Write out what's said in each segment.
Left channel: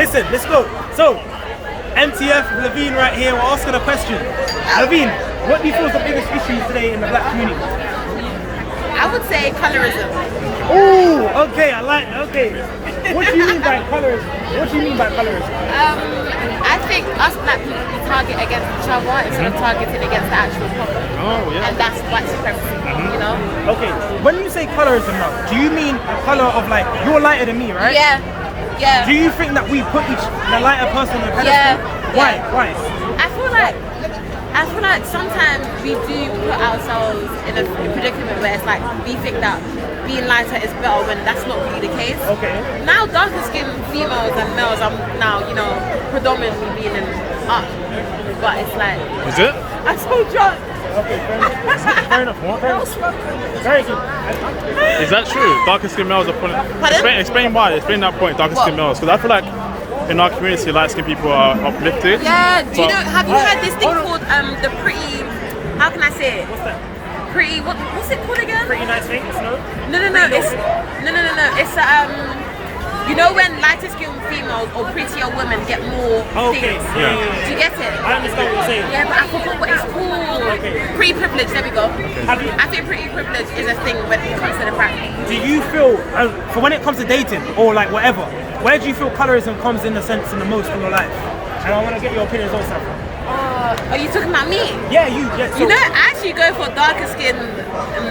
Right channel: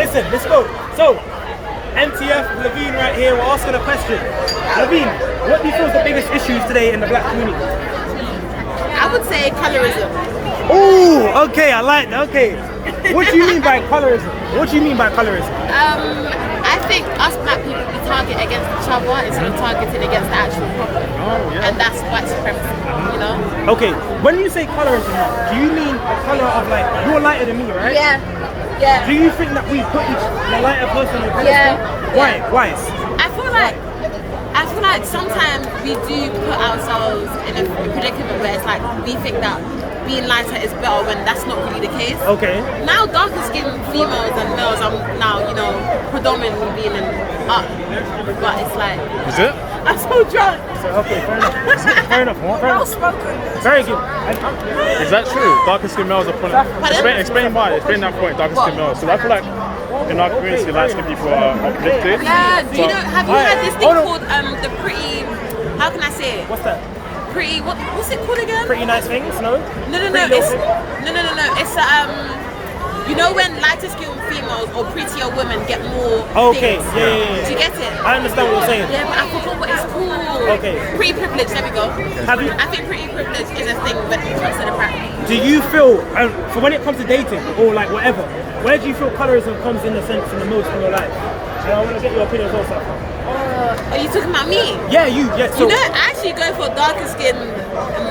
Listen, let's go. So, MTF, Levine right here, we're asking a question. Levine, what do you feel is the biggest issues today in the black community? I would say colorism. Ooh, okay, I like that, okay. What do you mean by colorism? What do you mean by colorism? I think us black people, we target against each other instead of targeting against the actual problem. Oh, yeah. And that's white supremacy, you know? Okay, when you say colorism now, do you mean the color of like, you're lighter than me, right? Yeah. Yeah. Do you think that we put the lighter person on a pedestal? Yeah. Why? Yeah. Why? I feel like sometimes we do put ourselves in a predicament where it's like we think that being lighter is better when that's not really the case. Okay. Now darker skinned females and males are now, you know, predominantly being in up. But it's like... Is it? I'm so drunk. Okay, fair enough. Fair enough. Very good. Is that true? Darker skinned males are putting... Explain why. Explain that point, darker skinned males. Because I feel like in our community, light skinned people are uplifted. Yeah, do you know, have you heard this thing called the pretty... How can I say it? What's that? Pretty... What's it called again? Pretty nice things, no? No. It's you know when lighter skinned females or prettier women get more things? Yeah. Do you get it? I understand what you're saying. Yeah, but I forgot what it's called. Okay. Pretty privilege, there we go. Okay. I think pretty privilege is a thing when it comes to the practice. Do you feel, for when it comes to dating or like whatever, where do you feel colorism comes in the sense in the most in your life? And I want to get your opinions also. Are you talking about me? Yeah, you. Yeah, so you know, I actually go for darker skinned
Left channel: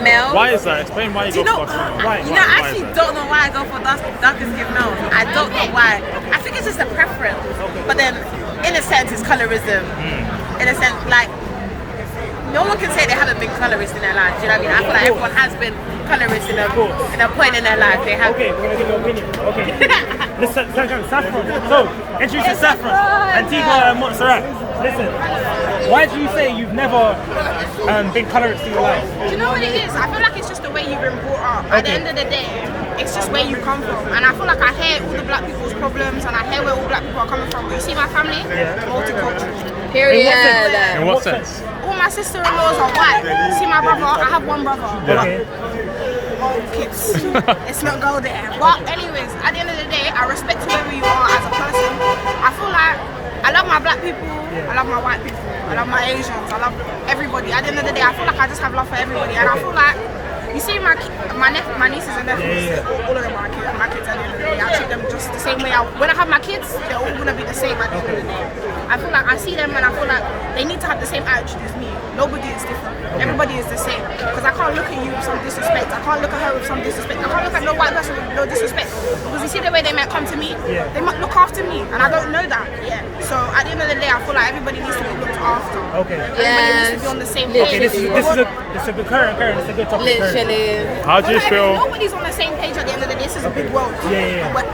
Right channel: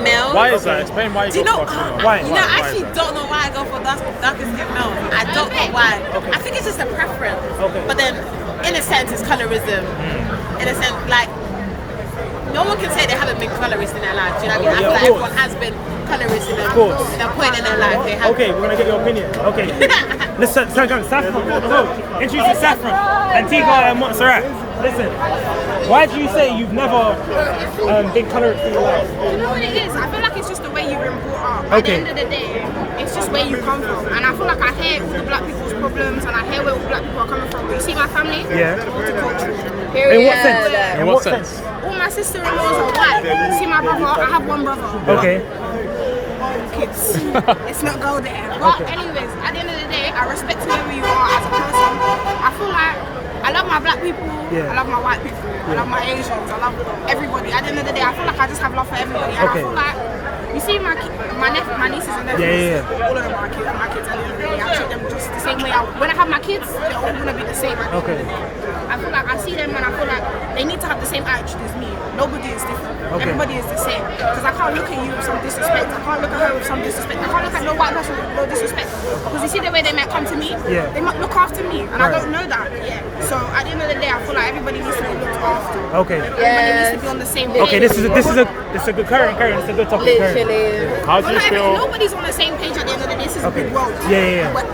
males. Why is that? Explain why you go for why? I actually don't know why I go for darker skinned males. I don't know why. I think it's just a preference. Okay. But then, in a sense, it's colorism. In a sense, like, no one can say they haven't been colorist in their life. Do you know what I mean? I feel like everyone has been colorist in a point in their life. They have. Okay, we're gonna get your opinion. Okay. Let's Saffron. No, introduce Saffron. Antigua and Montserrat. Listen, why do you say you've never been colorist in your life? Do you know what it is? I feel like it's just the way you've been brought up. At the end of the day, it's just where you come from. And I feel like I hear all the black people's problems and I hear where all black people are coming from. But you see my family? Yeah. Multicultural. Period. In what sense? All my sister-in-laws are white. See my brother? I have one brother. Okay. Kids. It's not go there. But anyways, at the end of the day, I respect whoever you are as a person. I feel like I love my black people, I love my white people, I love my Asians, I love everybody. At the end of the day, I feel like I just have love for everybody. And I feel like, you see my nieces and nephews, all of them are my kids at the end of the day. I treat them just the same way. When I have my kids, they're all going to be the same at the end of the day. I feel like I see them and I feel like they need to have the same attitude as me. Nobody is different. Everybody is the same. Because I can't look at you with some disrespect. I can't look at her with some disrespect. I can't look at no white person with no disrespect. Because you see the way they might come to me, they might look after me. And I don't know that. So at the end of the day, I feel like everybody needs to be looked after. Okay. Everybody needs to be on the same page. Okay, this is a good current. It's a good topic. Literally. How do you feel? Nobody's on the same page at the end of the day. This is a big world. Yeah. But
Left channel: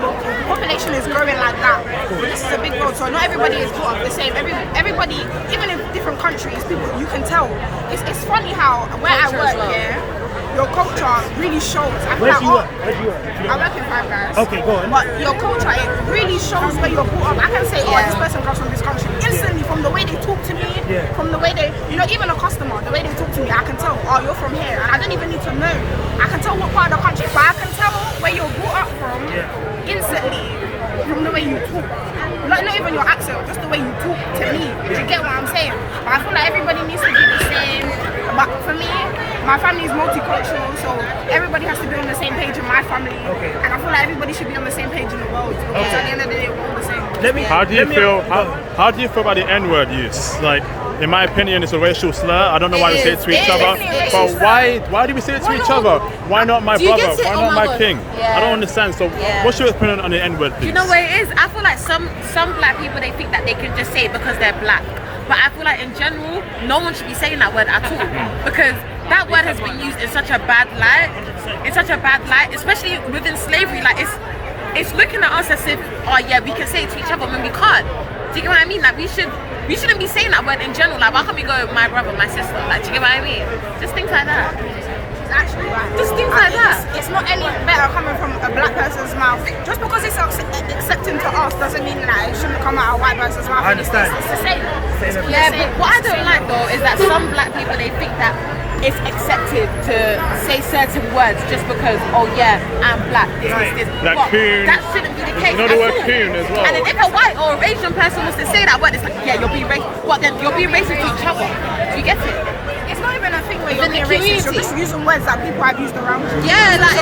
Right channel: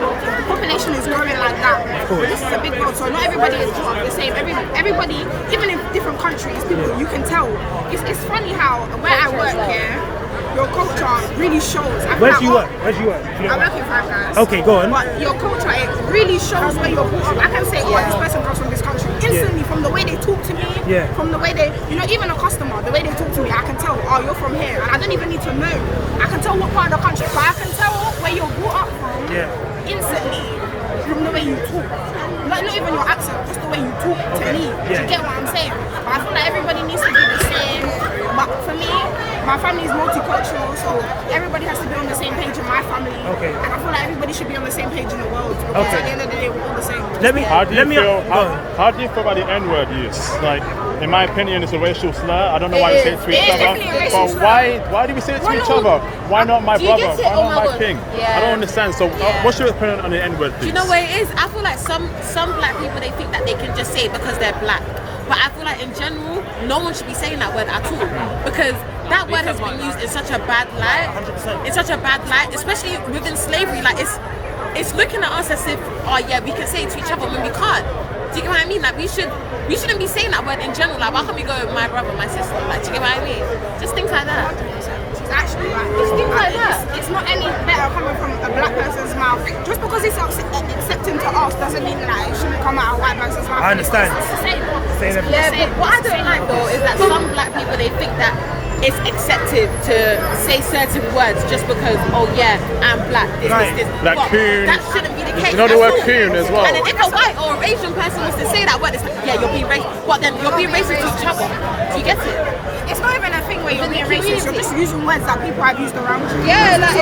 the population is growing like that. But this is a big world, so not everybody is brought up the same. Everybody, even in different countries, people, you can tell. It's funny how where I work here, your culture really shows. Where do you work? I work in Five Guys. Okay, go on. But your culture, it really shows where you're brought up. I can say, this person comes from this country. Instantly, from the way they talk to me, from the way they, even a customer, the way they talk to me, I can tell, you're from here. And I don't even need to know. I can tell what part of the country, but I can tell where you're brought up from instantly from the way you talk. Like, not even your accent, just the way you talk to me. Do you get what I'm saying? But I feel like everybody needs to be the same. But for me, my family is multicultural, so everybody has to be on the same page in my family. And I feel like everybody should be on the same page in the world, because at the end of the day, we're all the same. How do you feel about the N-word use? Like, in my opinion, it's a racial slur. I don't know why we say it to each other. But why do we say it to each other? Why not my brother? Why not my king? I don't understand. So what's your opinion on the N-word, please? Do you know what it is? I feel like some black people, they think that they can just say it because they're black. But I feel like in general, no one should be saying that word at all. Because that word has been used in such a bad light. In such a bad light, especially within slavery. Like, it's looking at us as if, we can say it to each other when we can't. Do you get what I mean? Like, we shouldn't be saying that word in general. Like, why can't we go my brother, my sister? Like, do you get what I mean? Just things like that. It's actually right. Just things like that. It's not any better coming from a black person's mouth. Just because it's accepting to us doesn't mean that it shouldn't come out of a white person's mouth. I understand. It's the same. Yeah, but what I don't like though is that some black people, they think that it's accepted to say certain words just because, oh yeah, I'm black, this. Like But coon. that shouldn't be the case. You know the at word all. coon as well. And then if a white or Asian person was to say that word, it's like, yeah, you're being racist. But then you're being racist to each other. Do you get it? It's not even a thing where you're Within being the racist. You're just using words that people have used around you. Yeah, like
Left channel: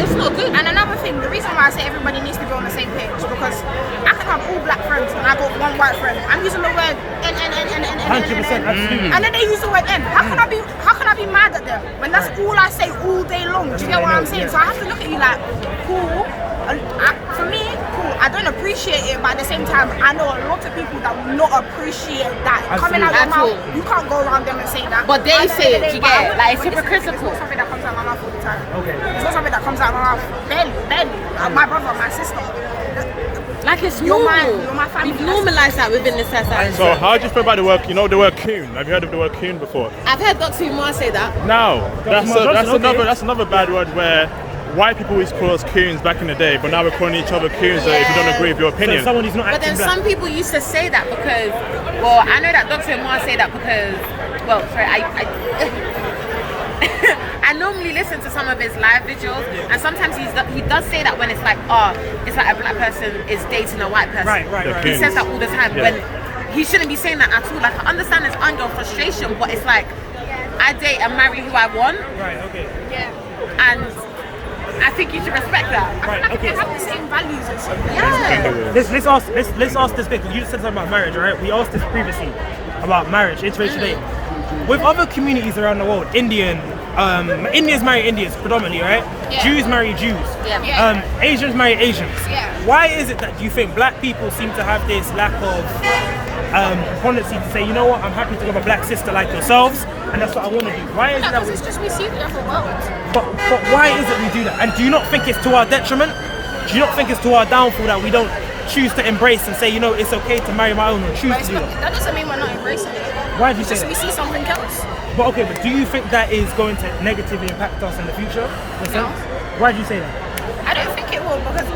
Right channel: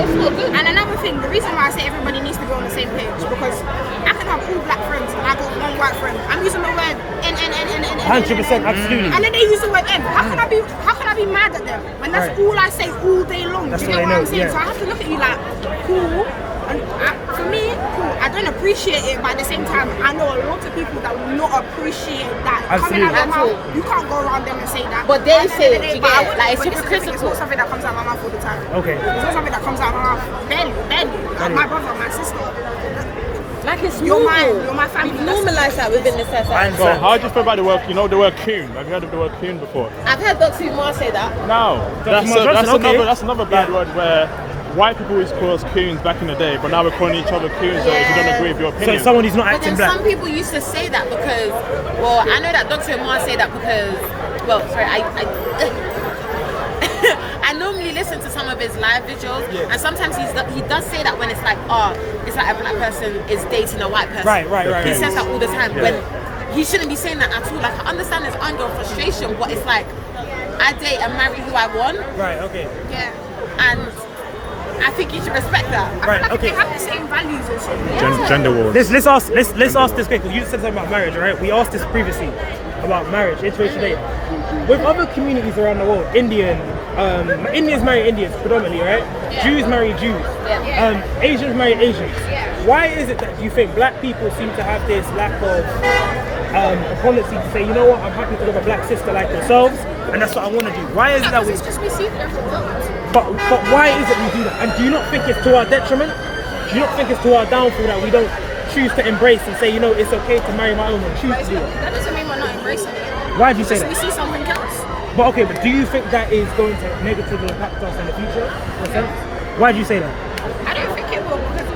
it's not good. And another thing, the reason why I say everybody needs to be on the same page because I can have all black friends and I got one white friend. I'm using the word N. 100%, absolutely. And then they use the word M. How can I be mad at them when that's all I say all day long? Do you get what I'm saying? Yeah. So I have to look at you like, cool. And for me, cool. I don't appreciate it, but at the same time, I know a lot of people that will not appreciate that coming out of your mouth. You can't go around them and say that. But they say it, you get it? Like, it's hypocritical. It's not something that comes out of my mouth all the time. Okay. It's not something that comes out of my mouth barely. Like my brother, my sister. Like it's You're normal. my family. We've normalised that within the society. So how do you feel about the word, the word coon? Have you heard of the word coon before? I've heard Dr. Umar say that. No. That's another bad word where white people used to call us coons back in the day, but now we're calling each other coons if we don't agree with your So opinion. someone who's not But acting then black. some people used to say that because, well, I know that Dr. Umar say that because, well, sorry, I normally listen to some of his live videos, and sometimes he does say that when it's like, it's like a black person is dating a white person. Right. He says that all the time Yeah. when he shouldn't be saying that at all. Like, I understand his anger and frustration, but it's like, I date and marry who I want, Right, okay. Yeah. and I think you should respect that. Right, okay. They have the same values as you. Gender wars. Let's ask this because you said something about marriage, right? We asked this previously about marriage, interracial dating. With other communities around the world, Indians marry Indians predominantly, right? Yeah. Jews marry Jews. Yeah. Asians marry Asians. Yeah. Why is it that you think black people seem to have this lack of tendency to say, you know what, I'm happy to have a black sister like yourselves, and that's what I want to do? Why is it that Because we? it's just we see it in the world. But why is it we do that? And do you not think it's to our detriment? Do you not think it's to our downfall that we don't choose to embrace and say, you know, it's okay to marry my own or choose to do that? That doesn't mean we're not embracing it. Why do you It's say just we that? see something else. But okay, but do you think that is going to negatively impact us in the future? In a sense? Why do you say that? I don't think it will because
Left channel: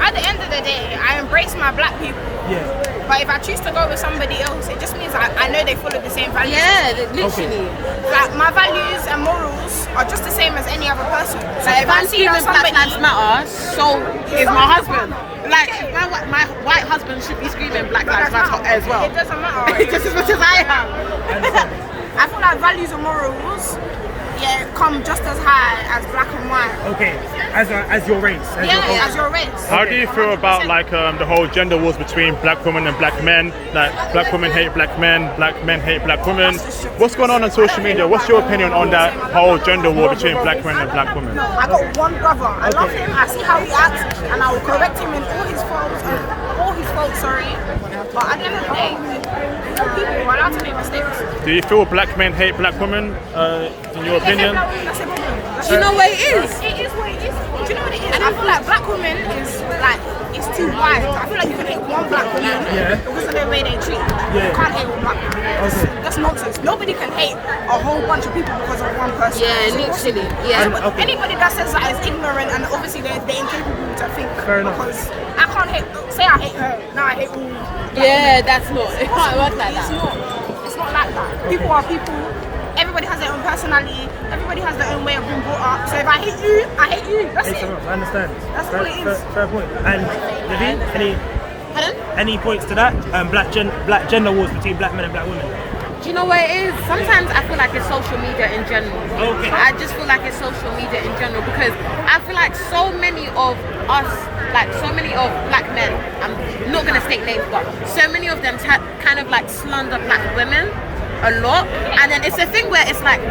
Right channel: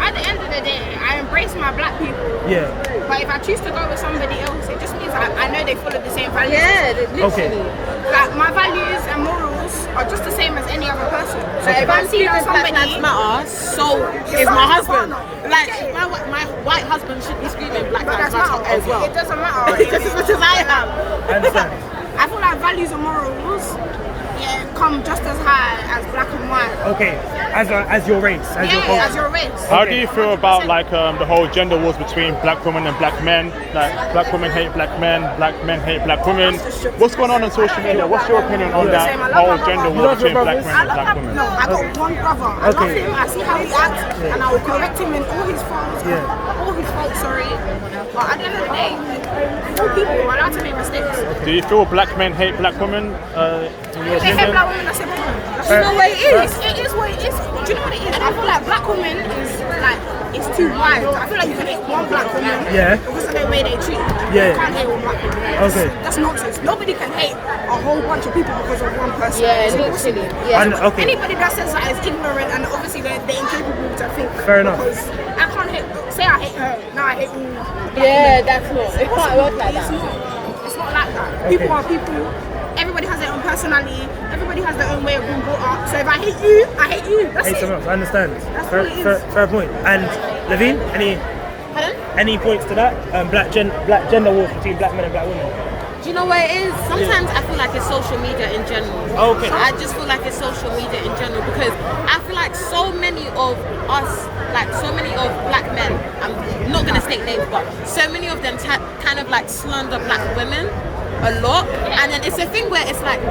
at the end of the day, I embrace my black people. Yeah. But if I choose to go with somebody else, it just means I know they follow the same values. Yeah, literally. Like my values and morals are just the same as any other person. So if I I'm see that screaming Black somebody, Lives Matter, so is my husband. Like, if my white husband should be screaming Black Lives Matter as well. It doesn't matter. Just as much as I am. I understand. I feel like values and morals, come just as high as black and white. Okay, as your race. As your culture. As your race. How do you feel about like the whole gender wars between black women and black men? Like black women hate black men hate black women. What's going on social media? What's your opinion on that whole gender war between black men and black women? I got one brother. I love him. I see how he acts, and I will correct him in all his faults. But at the end of the day, all people are allowed to make mistakes. Do you feel black men hate black women? In your If they hate opinion? black women, that's a problem. You know what it is? It is what it is. Do you know what it is? I feel like black women is like, it's too wide. I feel like you can hate one black woman because of the way they treat you. Yeah. You can't hate all black women. Okay. That's nonsense. Nobody can hate a whole bunch of people because of one person. Yeah, It's impossible. literally. Yeah. And, okay. Anybody that says that is ignorant and obviously they're incapable to think. Fair enough. Because I can't hate, say I hate her, now I hate all black Yeah, women. that's not. It can't work like It's that. not. It's not like that. People are people. Everybody has their own personality. Everybody has their own way of being brought up. So if I hate you, I hate you. That's Hey, it. I understand. That's what it is. Fair point. And Levine, any points to that? Black gender wars between black men and black women. Do you know what it is? Sometimes I feel like it's social media in general. Okay. I just feel like it's social media in general because I feel like so many of us, like so many of black men, I'm not gonna state names, but so many of them kind of like slander black women a lot, and then it's a thing where it's like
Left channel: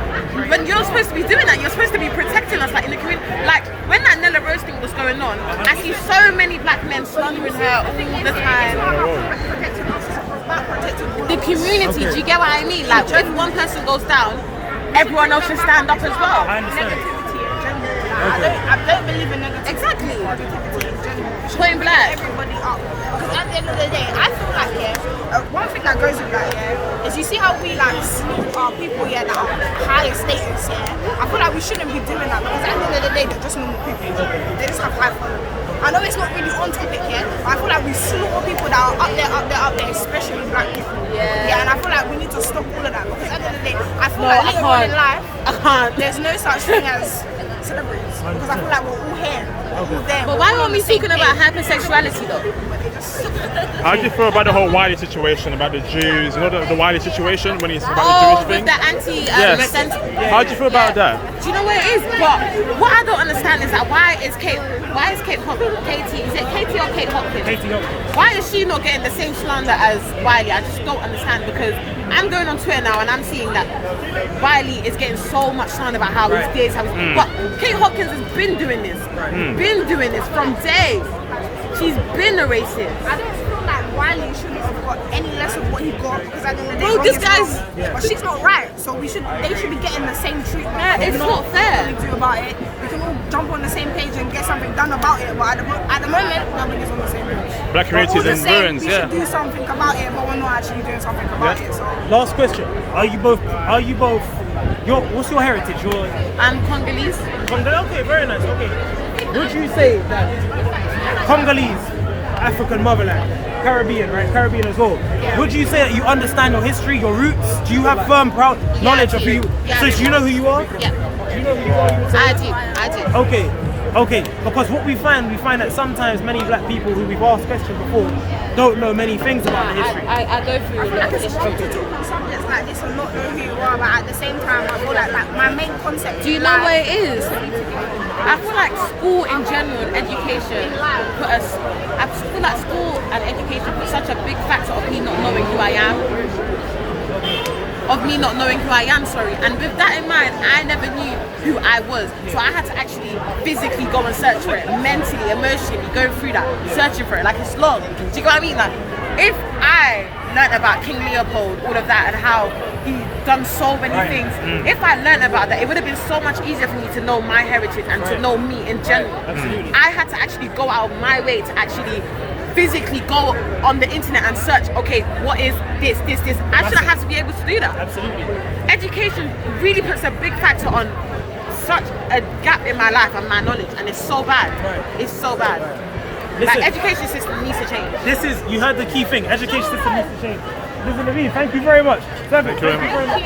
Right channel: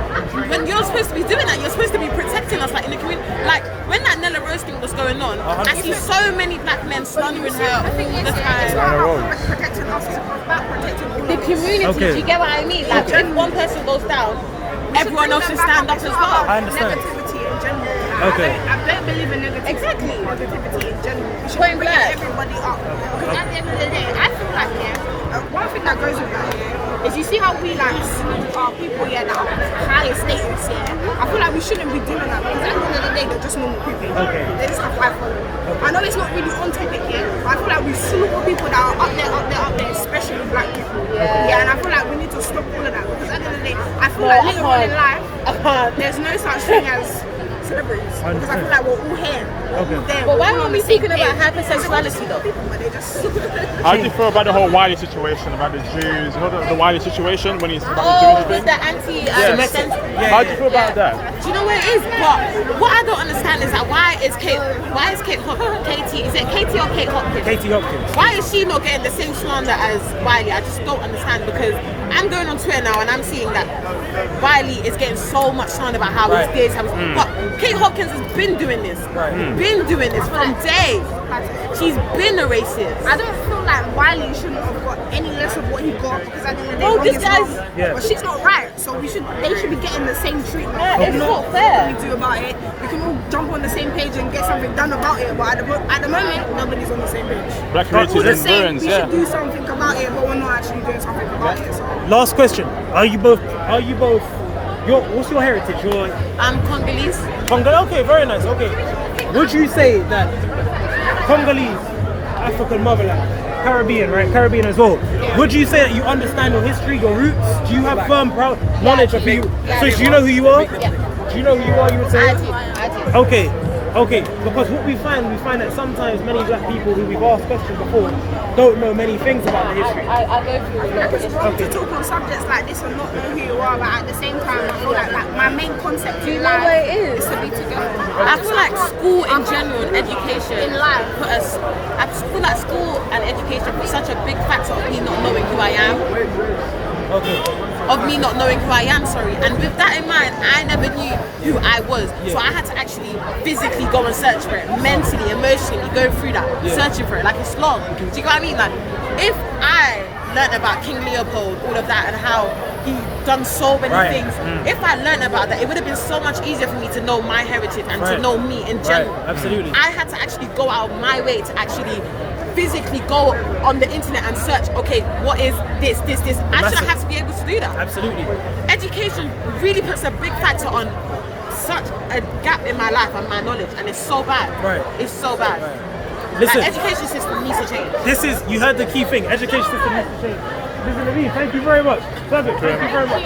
when you're supposed to be doing that, you're supposed to be protecting us, like in the community. Like when that Nella Rose thing was going on, I see so many black men slandering her all the time. Protecting us is about protecting all The of us. community, Okay. do you get what I mean? Like if one person goes down, everyone else should stand up as well. I understand. Negativity in general. Like, Okay. I don't believe in negativity. Exactly. Negativity in general. Point blank. Everybody up. Because at the end of the day, I feel like one thing that goes with that is you see how we like salute our people that are higher status. I feel like we shouldn't be doing that because at the end of the day they're just normal people. They just have high following. I know it's not really on topic yet, but I feel like we salute all people that are up there, especially black people. Yeah, and I feel like we need to stop all of that because at the end of the day, I feel like later on in life, I can't. there's no such thing as celebrities because I feel like we're all here, we're all there. But why we're all are on we the same talking about page. hypersexuality though? But they just How do you feel about the whole Wiley situation, about the Jews, you know, the Wiley situation when he's about Oh, the Jewish with thing? the anti Yes. How do you feel about that? Do you know what it is? But what I don't understand is that why is Katie, is it Katie or Kate Hopkins? Katie Hopkins. Why is she not getting the same slander as Wiley? I just don't understand because I'm going on Twitter now and I'm seeing that Wiley is getting so much slander about how he's this, how he's but Kate Hopkins has been doing this. Been doing this from day. She's been a racist. I don't feel like Wiley shouldn't have got any less of what he got because at the end of the day, Bro, wrong this is guy's- wrong. Yeah. But she's not right, so they should be getting the same treatment. Yeah, If it's not fair. What we do about it, we can all jump on the same page and get something done about it. But at the moment, nobody's on the same page. Black We're all communities in just saying ruins, we yeah. should do something about it, but we're not actually doing something about it. So Last question. Are you both what's your heritage? Your I'm Congolese. Congolese? Okay, very nice. Okay. Would you say that Congolese, African motherland, Caribbean, right? Caribbean as well. Yeah. Would you say that you understand your history, your roots? Do you have firm proud knowledge of who you? Yeah, So I do do. you know who you are? Yeah. Do you know who you are? You would say? I do. Okay. Because what we find that sometimes many black people who we've asked questions before don't know many things about the history. I go through a lot of it's issues. wrong to talk on subjects like this and not know who you are, but at the same time, I feel like my main concept Do you in know life what it is? to be together. I feel like school in general and education put us. I feel like school and education put such a big factor of me not knowing who I am. Of me not knowing who I am, sorry. And with that in mind, I never knew who I was. So I had to actually physically go and search for it, mentally, emotionally, go through that, searching for it. Like it's long. Do you know what I mean? Like if I learned about King Leopold, all of that, and how he done so many things, if I learned about that, it would have been so much easier for me to know my heritage and to know me in general. Absolutely. I had to actually go out of my way to actually physically go on the internet and search, okay, what is this? I should have had to be able to do that. Absolutely. Education really puts a big factor on such a gap in my life and my knowledge, and it's so bad. Right. It's so bad. Listen. Like education system needs to change. You heard the key thing. Education system needs to change. Listen to me. Thank you very much. Savage, thank you very much.